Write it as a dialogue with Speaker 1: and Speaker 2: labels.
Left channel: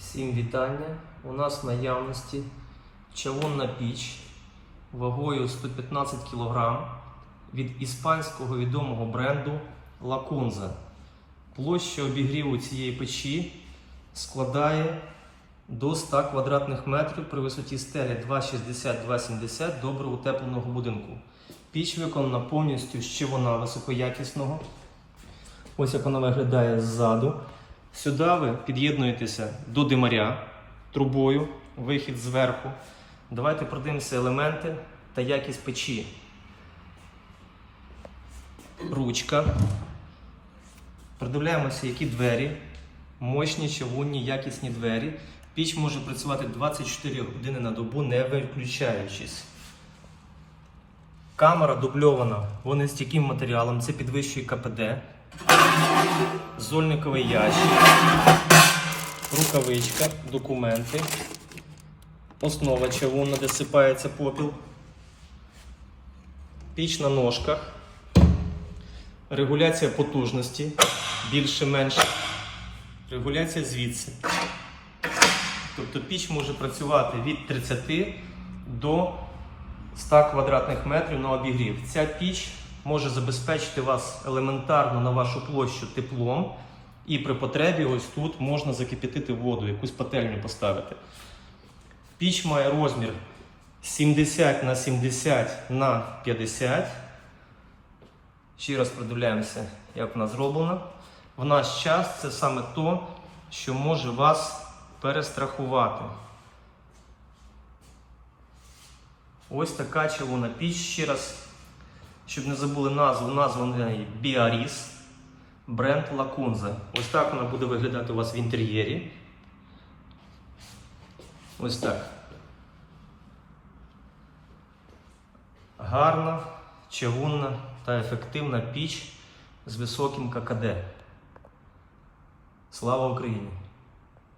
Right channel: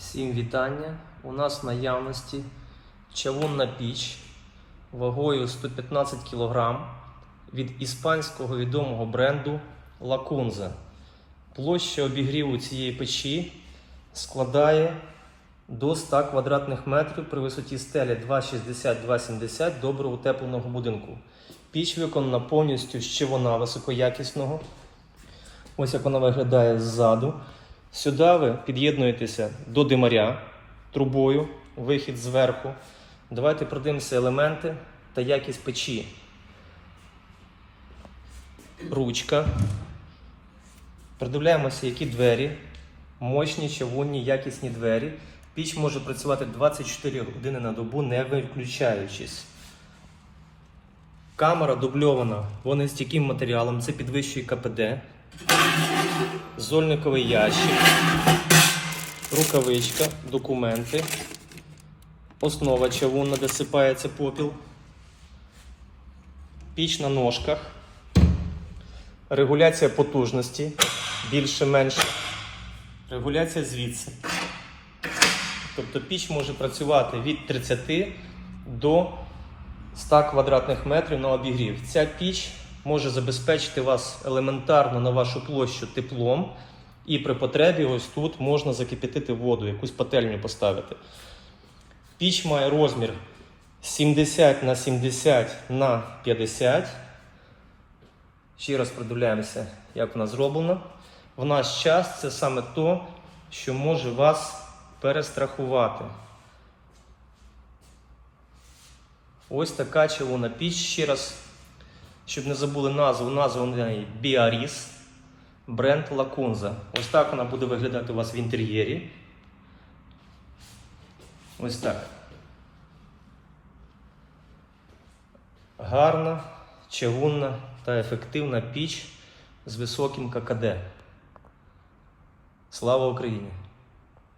Speaker 1: Всім вітання. У нас в наявності чавунна піч вагою 115 кг від іспанського відомого бренду Lacunza. Площа обігріву цієї печі складає до 100 квадратних метрів при висоті стелі 2,60-2,70 добре утепленого будинку. Піч виконана повністю з чавуна високоякісного. Ось як вона виглядає ззаду. Сюди ви під'єднуєтеся до димаря трубою, вихід зверху. Давайте продивимося елементи та якість печі. Ручка. Придивляємося, які двері. Мощні, чавунні, якісні двері. Піч може працювати 24 години на добу, не виключаючись. Камера дубльована. Вонестійким матеріалом, це підвищує КПД. Зольниковий ящик, рукавичка, документи, основа чавунна, де сипається попіл, піч на ножках, регуляція потужності, більше-менше, регуляція звідси. Тобто піч може працювати від 30 до 100 квадратних метрів на обігрів. Ця піч може забезпечити вас елементарно на вашу площу теплом, і при потребі ось тут можна закипятити воду, якусь пательню поставити. Піч має розмір 70 на 70 на 50. Ще раз придивляємося, як вона зроблена. В наш час це саме то, що може вас перестрахувати. Ось така чавуна піч. Ще раз, щоб не забули назву, назву в неї Біаріс, бренд Лакунза. Ось так вона буде виглядати у вас в інтер'єрі. Ось так. Гарна, чавунна та ефективна піч з високим ККД. Слава Україні!